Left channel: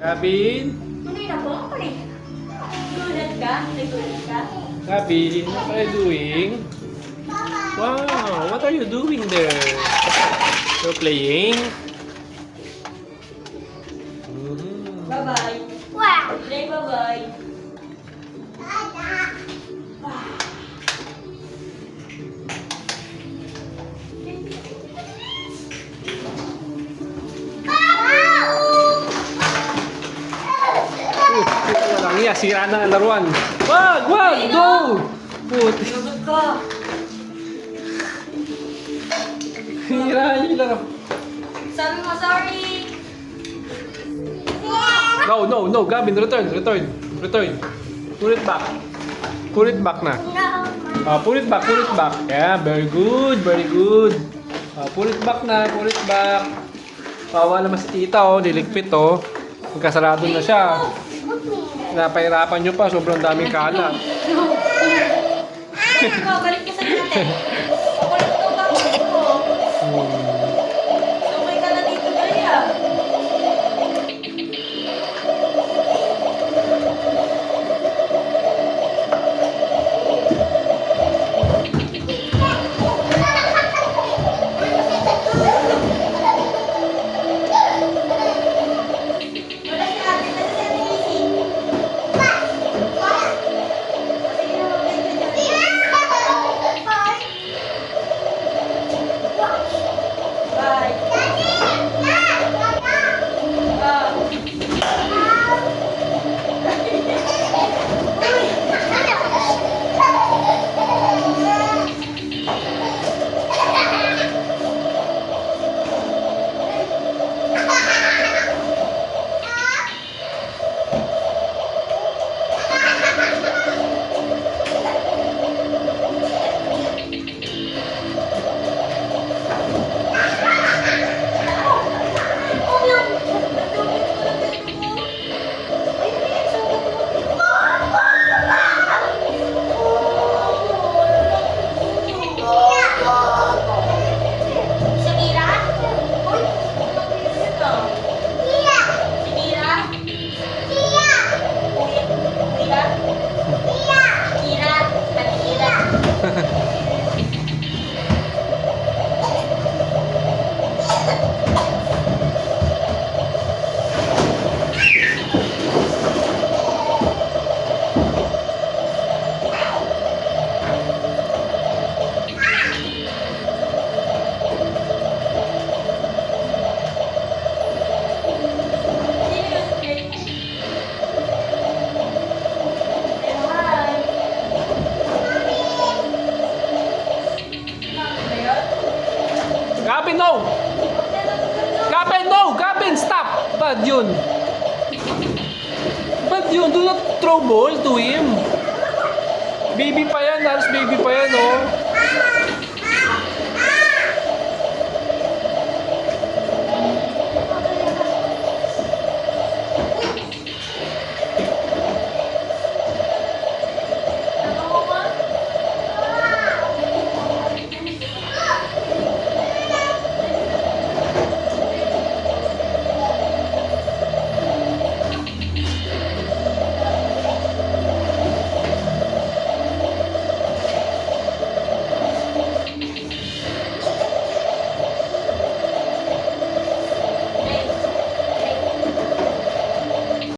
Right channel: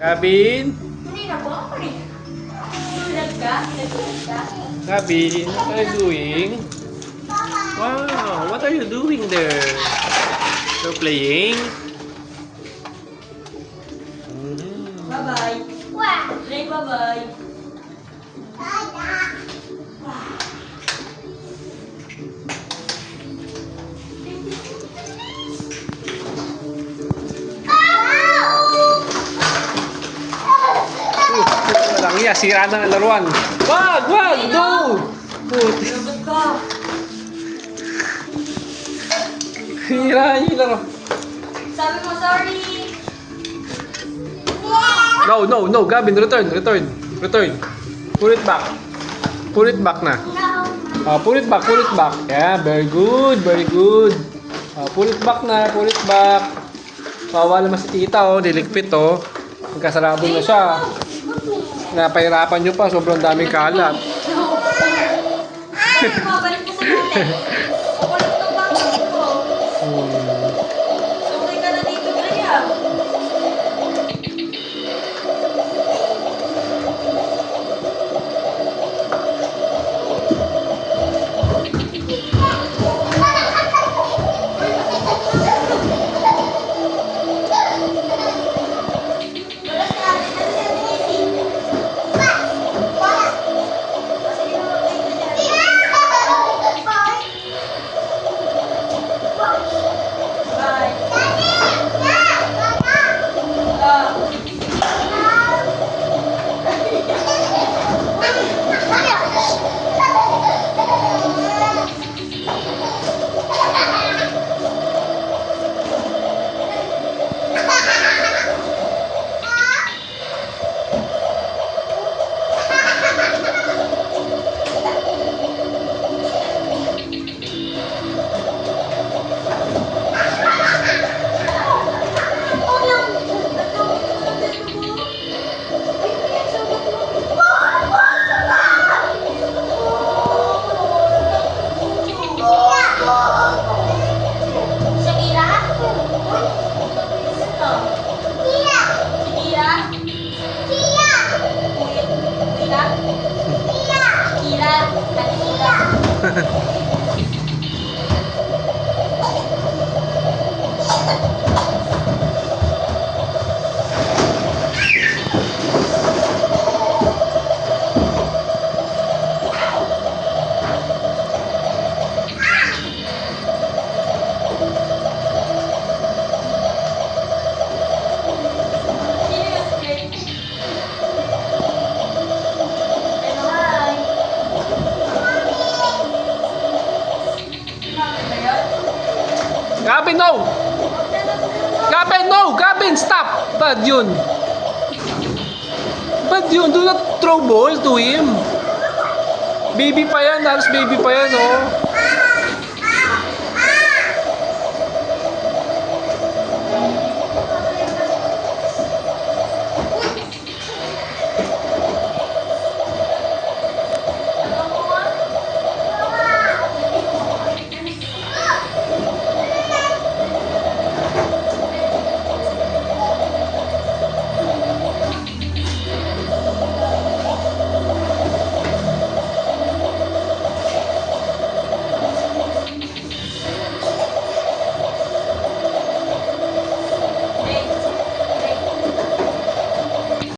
Gavin? Hindi na po. Nagulat ka? Nagulat ka? Gavin, what are you doing? Wow, what are you doing there? So playing? Bye-bye. Wow. Say bye-bye. Walang iya, sira na ang laruan. Wag! Wag! No! Nagulat ka. Sira yung laro. Sabi mo sorry. No, no, no. Gavin, return. Put it back. Put it back na. Put it back. Yeah, very good. Put it back na. Put it back. Kawawa naman si tita, oh. Diligpit, oh. Magkasarado na siya. Napahirapan nyo pa. Sobrang daming kalat. Balik ko sa natin. Kukulit ko ba? Sumay ka na dito, Gaya. Gavin, no! Gavin, no! Gavin, stop! Bad yun. Bad yun. Do not throw ball to him. Baby pa yan. Halos baby pa yan, oh.